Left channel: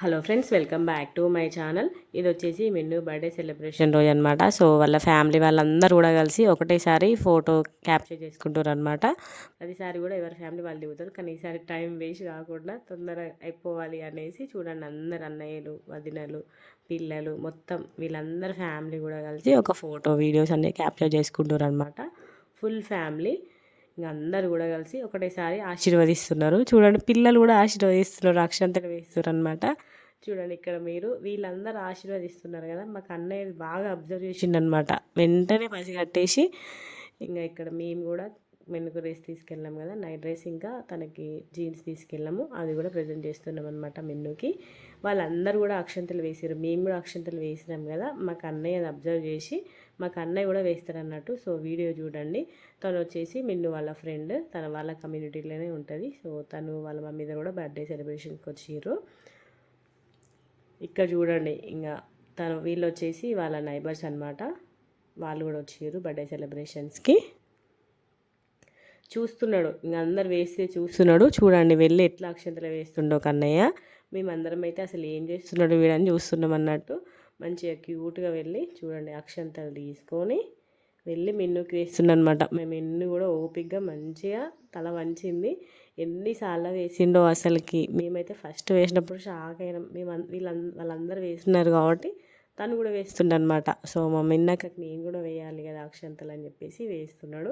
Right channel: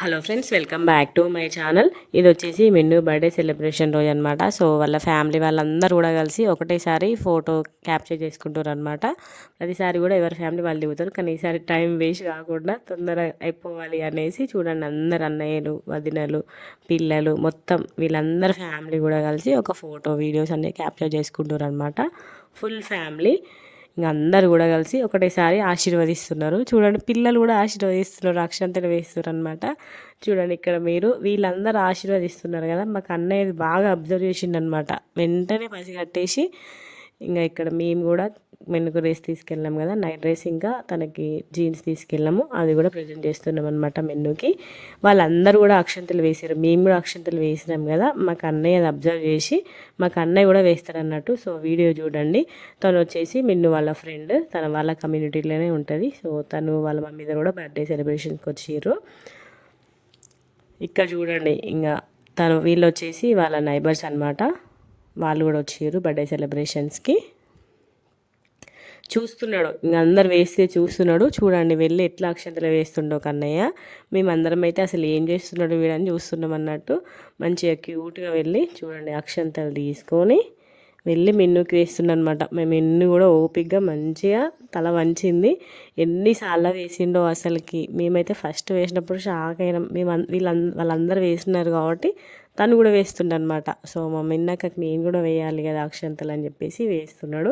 Hello friends, welcome back to my channel. ఇది వచ్చేసి మిన్ను birthday celebration రోజు అనమాట. సో వాళ్ళ ఫ్యామిలీ వాళ్ళందరూ కూడా కలిసి ఒకటేసారి ఫోటో క్యాప్చర్ చేసుకుంటారు అనమాట. ప్రతిసారి కూడా ఎవరి ఫ్యామిలీ వాళ్ళు దిగుతారు, కానీ ఈసారి టైం వేస్ట్ కాకుండా తొందర అయిపోవాలి అనేసి చూడండి, అందరు అన్నయ్యలు, వదినలు, పిల్లలు మొత్తం వీళ్ళందరూ ఫ్యామిలీ కూడా కలిసి ఒక ఫోటో వీడియోస్ అన్నీ క్యాప్చర్ చేసుకుంటారు అనమాట. ఫుల్ ఫ్యామిలీ ఇంకా అందరు కూడా కలిసి ఒకటేసారి ఆశీర్వదిస్తున్నారు. చూడండి, పిల్లలు కూడా ఆశీర్వదిస్తున్నారు, అక్షంతలు వేస్తున్నారు అనమాట. చూడండి, ఇక్కడ మీరు వీళ్ళందరూ ఆశీర్వదిస్తున్నారు కదా, మాకు అన్నయ్యది బాగా అబ్జర్వ్ చేసిండు అనమాట. వెంటనే పసిగట్టేసి ఇంకా ఇక్కడ మేము కూడా మెన్నుకు డ్రెస్ తీసుకెళ్ళాం కదా, నైట్ డ్రెస్, ఇంకా తనకి జీన్స్ తీసుకెళ్ళాము. అది కూడా ప్రజెంట్ చేస్తున్నాం అనమాట మెన్నుకి. వాళ్ళందరూ కూడా అక్షంతలు వేసారు, మేము కూడా అక్షంతలు వేసినాం కదా. మాకు అన్నయ్య అది అబ్జర్వ్ చేసి మాకు అన్నయ్య కూడా వేస్తాడు అన్నట్టు. సో వీడియో చూడండి. తను వచ్చేసి మెన్ను వాళ్ళ ఫ్రెండ్, తన వాళ్ళ కమ్యూనిటీలోనే ఉంటుంది. సో తను వాళ్ళ మమ్మీ కూడా బర్త్డే సెలబ్రేషన్కి వచ్చారు. ఇక్కడ చూడండి, ఇంకా వీళ్ళు వచ్చేసి వాళ్ళ నైబర్స్ అనమాట. వాళ్ళు కూడా వచ్చారు బర్త్డే సెలబ్రేషన్స్కి. చూస్తున్నాడు, ఇంక అందరు వేస్తే చూస్తున్నాడు. చూడండి, వెళ్ళి ఎట్లా అక్షంతలు వేస్తుండో కన్నయ్య. మేమందరం అయితే అసలు ఏం చేస్తున్నాడు వీడని చూస్తున్నాం అన్నట్టు. మంచిగా క్యూట్గా వెళ్ళి చూడండి అక్షంతలు తీసుకొని వెళ్ళి మెన్నుకి వేస్తుండనమాట. మేము మెన్ను కూడా ఓపిక్గా మంచిగా తల వంచింది. ఎన్నిసార్లు వేసిండో అసలుకి. మేమైతే ఫస్ట్ వేసినప్పుడు షాక్ అయినాం. వాళ్ళందరూ వేస్తున్నారు కాబట్టి తను కూడా వేస్తుండనమాట. సో మా మిన్నక్కకి నేను కూడా వేయాలి కదా అక్షంతలు అని చెప్పేసి వేస్తున్నాడు.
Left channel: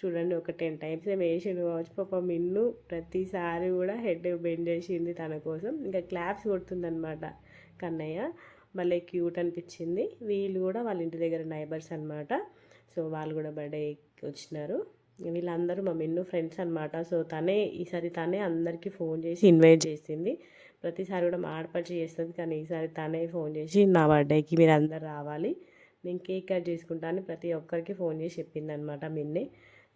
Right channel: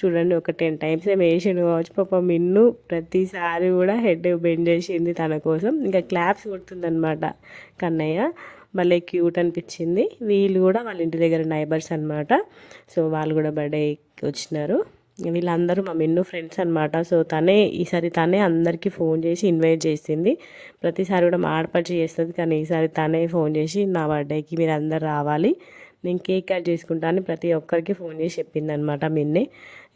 చూడండి, ఒక 10 టైమ్స్ ఏమో వేసిండు కావచ్చు. పాప మిన్ను ప్రతిసారి కూడా హెడ్ బెండ్ చేసింది తన కోసం. ఇంకా క్లాప్స్ కొడుతుందనమాట కన్నయ్య. భలే క్యూట్ అనిపించింది. వీళ్ళు కూడా వాళ్ళ ఇంటి దగ్గర నైబర్స్ అనమాట. సో వాళ్ళు కూడా బర్త్డేకి వచ్చినారు. వీళ్ళందరూ మా మెన్ను ఫ్రెండ్స్ అనమాట. సో ఈసారి తనే అందరికీ ఫోన్ చేసి ఇన్వైట్ చేసింది. ప్రతిసారి కూడా మా ఆడపడిచి చేస్తుంది, కానీ ఈసారి తనే ఫోన్ చేసి నా బర్త్డేకి మీరు అందరు రావాలి, నేను కేక్ కట్ చేసుకుంటాను ప్రతి ఒక్కరికి ఫోన్ చేసి చెప్పింది అనమాట మిన్నే.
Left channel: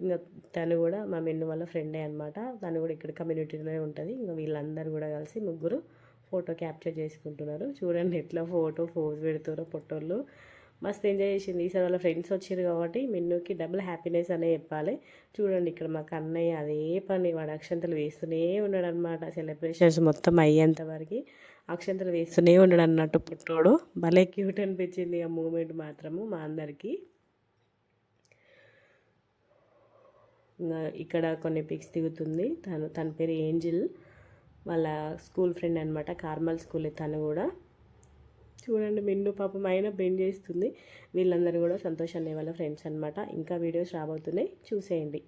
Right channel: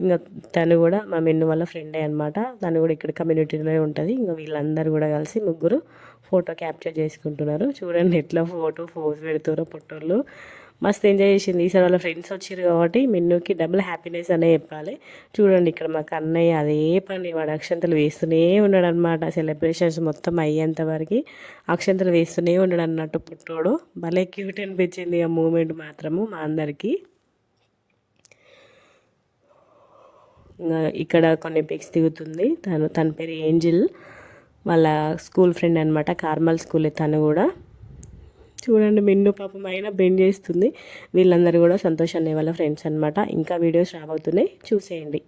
ఇంకా తను కూడా మా మెన్ను వాళ్ళ ఫ్రెండే అనమాట. తను కూడా ఇక్కడ కమ్యూనిటీలో ఉంటుంది. ఇంకా వీళ్ళందరూ కూడా కలిసి ముగ్గురు ఫోటో క్యాప్చర్ చేసుకుంటున్నారు. చూడండి ఎట్లా ఫోజ్ పెడుతారో పొట్టోళ్ళు. మస్తు ఎంజాయ్ చేసింది. ఈసారి వాళ్ళ ఫ్రెండ్స్ వచ్చారు కాబట్టి మెన్నుకి డబుల్ హ్యాపీనెస్ అనే చెప్పాలి. చూడండి, ఇక్కడ మా కన్నయ్య అదే పని, వాడు అక్షంతలు వేస్తూనే ఉన్నాడు అనమాట. సెలబ్రేషన్స్ మొత్తం అయ్యేంత వరకు అక్షంతలు వేస్తూనే ఉన్నాడు అన్నట్టు పుట్టోడు. భలే క్యూట్ అనిపించింది ఆ మూమెంట్ మాత్రము మా అందరికీ. ఇక్కడ కొన్ని పిక్స్ దిగుతుంది తన పేరు ఏంజిల్, వాళ్ళ స్కూల్ ఫ్రెండ్ అనమాట. కార్మల్ స్కూల్ తను కూడా. చూడండి, మిన్ను పాపం అయినా బెండ్ చేస్తుంది. వీళ్ళందరూ కూడా సంతోష్ అనే వాళ్ళ ఫ్రెండ్స్ అనమాట. ఇంకా వీడియోస్ రాబోతున్నాయి, చూసేయండి.